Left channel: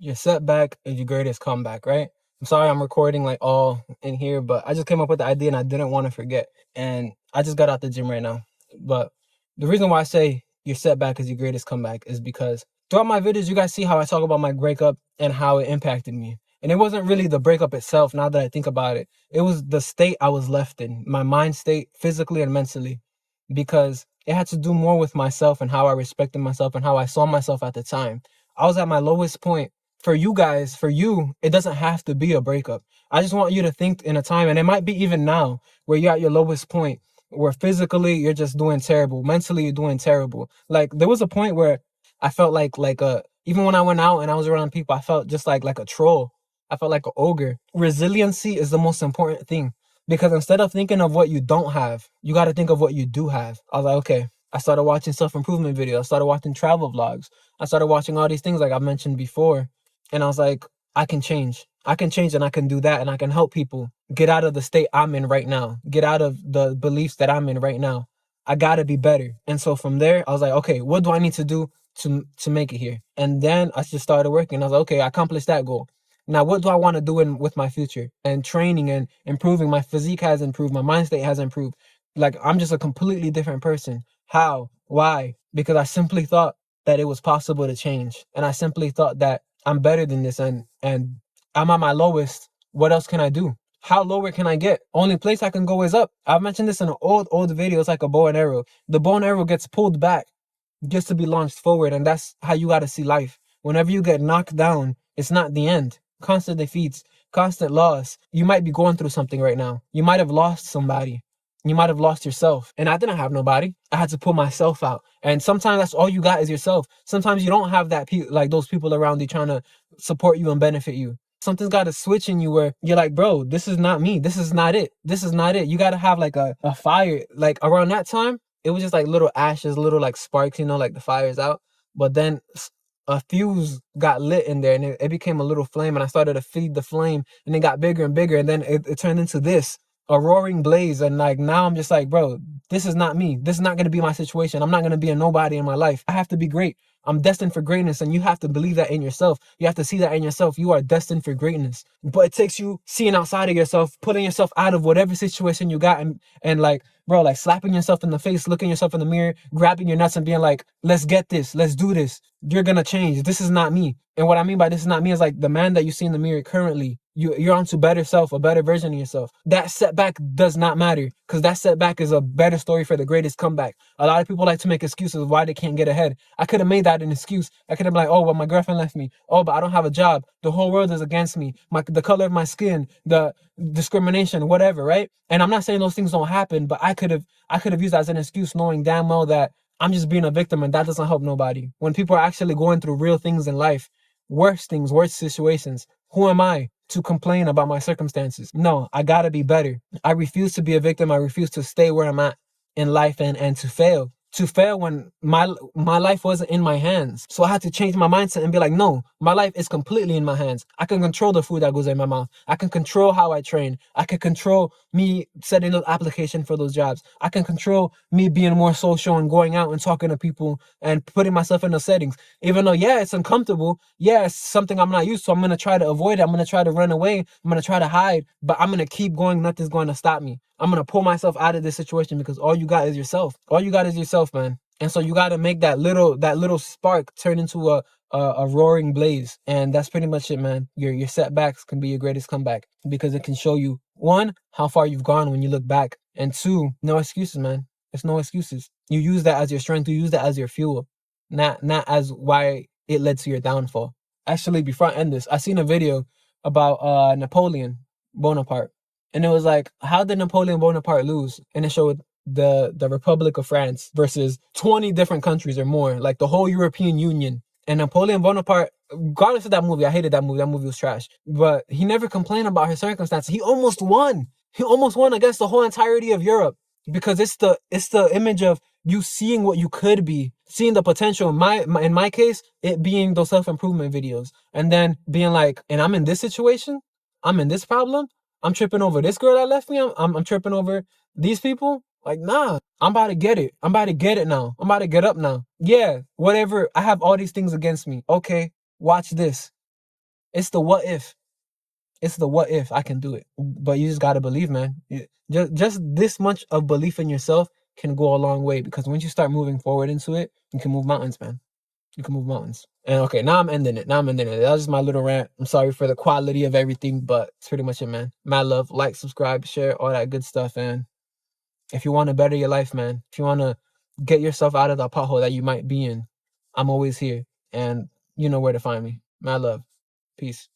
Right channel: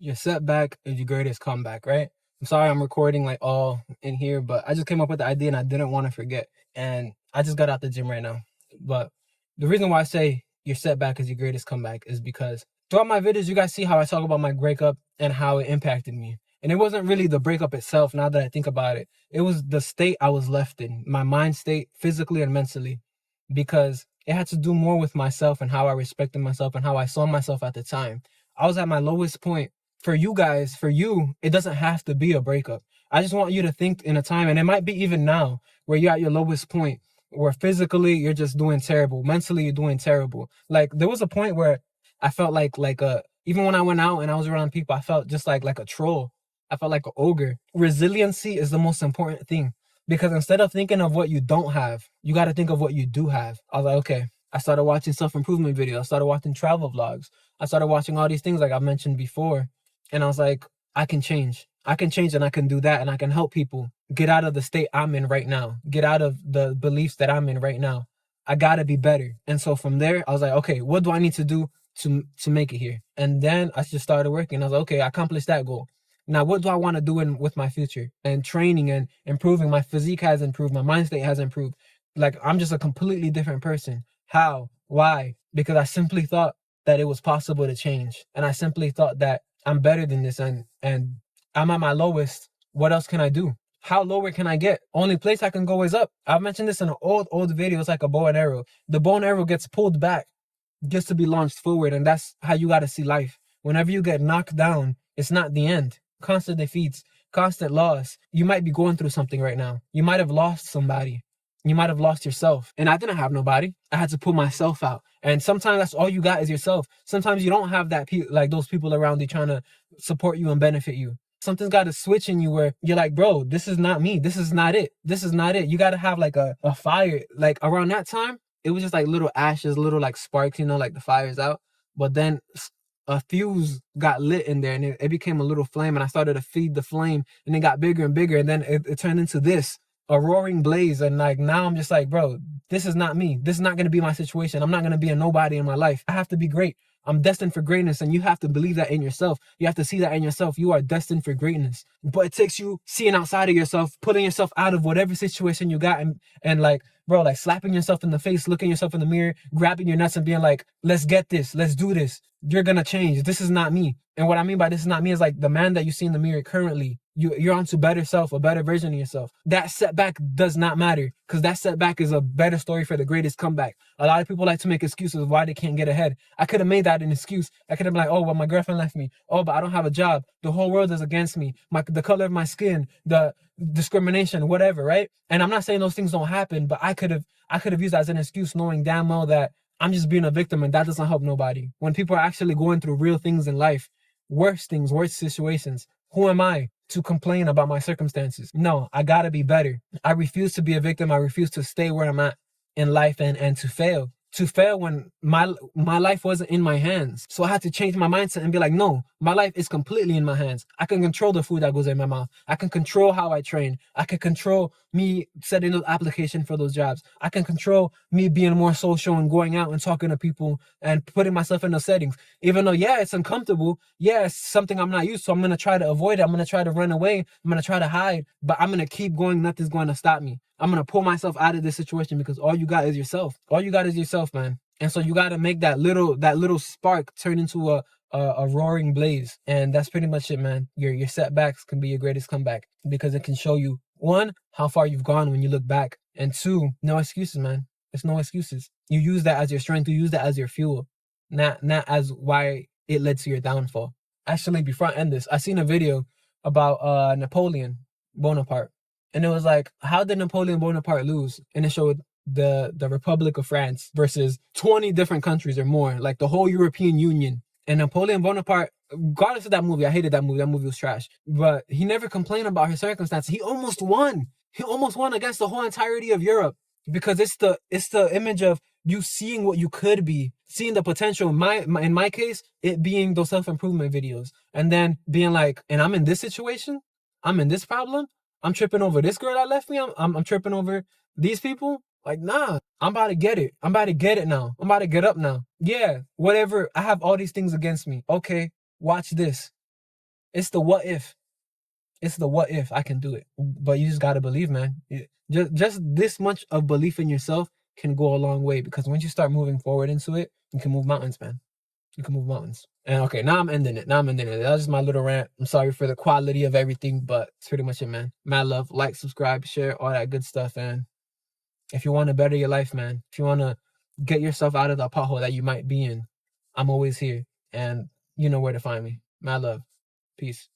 Your setback is your greatest comeback, right? I'm sorry I'm recording like all in here, but I just came up with the idea and I didn't want to forget. And I just got out the gym right now. But the reason why I say your setback is your greatest comeback is because throughout my videos, you guys see how I talk about my breakup and how it impacted me. And it wasn't really the breakup itself, now that I think about it. It was the state I was left in, my mind state, physically and mentally, because it had to do more with myself and how I respected myself and how I saw myself at the time. I was at my lowest point. For you guys, for you, it doesn't have to be a breakup. I just want you to think in a time, and it might be even now, where you're at your lowest point, where physically you're just doing terrible, mentally you're doing terrible. Like there was a point where I felt like even when I went out and I was around people, I felt just like a troll. I felt like an ogre. Resiliency is the most important thing, because instead of thinking of what you don't have, you got to think of what you do have. I was like, okay. I started watching self-improvement videos. I started watching travel vlogs. I started watching all these things like I mentioned before. And I was like, I can change. I can change and I can do that and I can help people get out of the state I'm in right now, get out of the beliefs that I'm in right now. I gotta be better. And so from there, I was like, okay, what do I need to do to make it here? And then I just started working. I was like, okay, I accomplished that goal. Now, what do I want to do with my future? And training and improving. My physique has improved. My mind state has improved. Like, I'm just a completely different person. How? Why? Because I simply thought that it was possible to change. And I simply thought that I'm better than this and I'm at my lowest. What else can I do? How lower can I get? Only place I can go is up. I've mentioned this in an old video. It's like a bow and arrow. The bow and arrow gets pulled back just to be launched forward, and that's how you got to see life. Whenever you get knocked down, it's not the end. Constant defeats, constant loss. You might be going through something right now. You might have lost somebody. You might have lost yourself. And I didn't have nobody. I had to pull myself out. And sometimes that's all you got is yourself. Sometimes you don't have that like those people around you trying to support you and benefit you. Something's got to switch in you where you're like, bro, this is not me. This is not it. This is not it. You got to have like a fire. Like around that time, it was just like little ashes, little like sparks, like the fire's out. But then a fuse got lit in there and it became a little flame, and I started to feed the flame and it got bigger and bigger, and then it turned into this, a roaring blaze. And like now I'm just like, bro, this is not me. This is not going to be my situation. I'm not going to be a nobody in my life. I have to be great. I'm destined for greatness, and you have to believe that in yourself. You have to see that in yourself. You are destined for greatness. But it takes you seeing outside of yourself, putting yourself out of whatever situation you got, and like, bro, like slapping yourself in the face, looking yourself in the mirror, grabbing your nuts and being like, let's get this, let's do this. You're gonna change. This is not me. And what I mean by this is not me is like the man that you see in the mirror currently. You're onto better self, a better version of yourself. That setback does not matter, because that setback is a better story for the greatest comeback. A lot of people like to make excuses why they can't get ahead. I could have made that an excuse. I could have been like, oh, well, my girlfriend left me. Oh, but I don't have a job. The whole world is against me. The color of my skin, the discrimination, whatever, right? And I'm not saying those things don't happen, but I could have used that as an excuse, knowing damn well that I'm just being a victim, and that doesn't help nobody. When people are actually going through real things in life, worse things, worse situations, who am I to complain about my circumstances? No, I gotta be better. I refuse to be a victim. I refuse to stay where I'm at in life and to fail. To fail when my life wasn't in my hands. So I had to change my mindset and be like, no, my life is completely in my hands. I can control the food that goes in my mouth. I can control how I train. I can control me setting up application for those jobs. I can control me being more social and going out and talking to people and putting myself in those settings. Even though, yeah, it's uncomfortable. Yeah, it's something I'm not used to. I'm going to try to avoid it. I'm going to try to run away. I'm going to try to hide, but I'm going to keep going. Nothing's going to stop me. I'm going to pull myself out of this situation, because all you got is yourself. All you got is yourself, man. And so you got to make that little spark turn into a roaring blaze. And that's pretty much it, man. Your setbacks can be your greatest comeback, because it can show you, one, how far you've gone when you look back, and two, no excuses, man. It's no excuses. You use that as your strength. You use that as your fuel, not as why it led to your downfall. Actually, before I end this, I seen a video about Napoleon Bonaparte. And it was like, how did Napoleon Bonaparte lose? And it showed the Republic of France versus 20 different countries or more, like the whole European Union. And Napoleon Bonaparte, regardless of that movie, I hated that movie. That movie was trash. But he never complained about his circumstances. He almost won. He almost won against the whole entirety of Europe, because it's the image of you seeing what you could be, seeing the potential. In my case, it being those self-improvement videos, and then being like, and I'm in this situation, I'm in this problem, I'm tripping over this girl that left me, I'm tripping over these people. Like, nah, I'm about to get it. I'm about to get it now. I'm about to get up now. Yeah, whatever. I have all these things against me. Okay, watch this. It's the what if. It's the what if I can do it. But you just gotta believe, man. Just this much of belief in yourself can go a long way, because once you start moving forward into it, you can move mountains, man. You can move mountains. And okay, now I'm ending it. That was just my little rant. I'm sorry for the quality of everything, but it's pretty much it, man. Mad love. Like, subscribe, share, all that good stuff. And if you want to better your life, man, if you want to get yourself out of the pothole that you might be in, I'm always here. And you know where to find me. Mad love. Peace.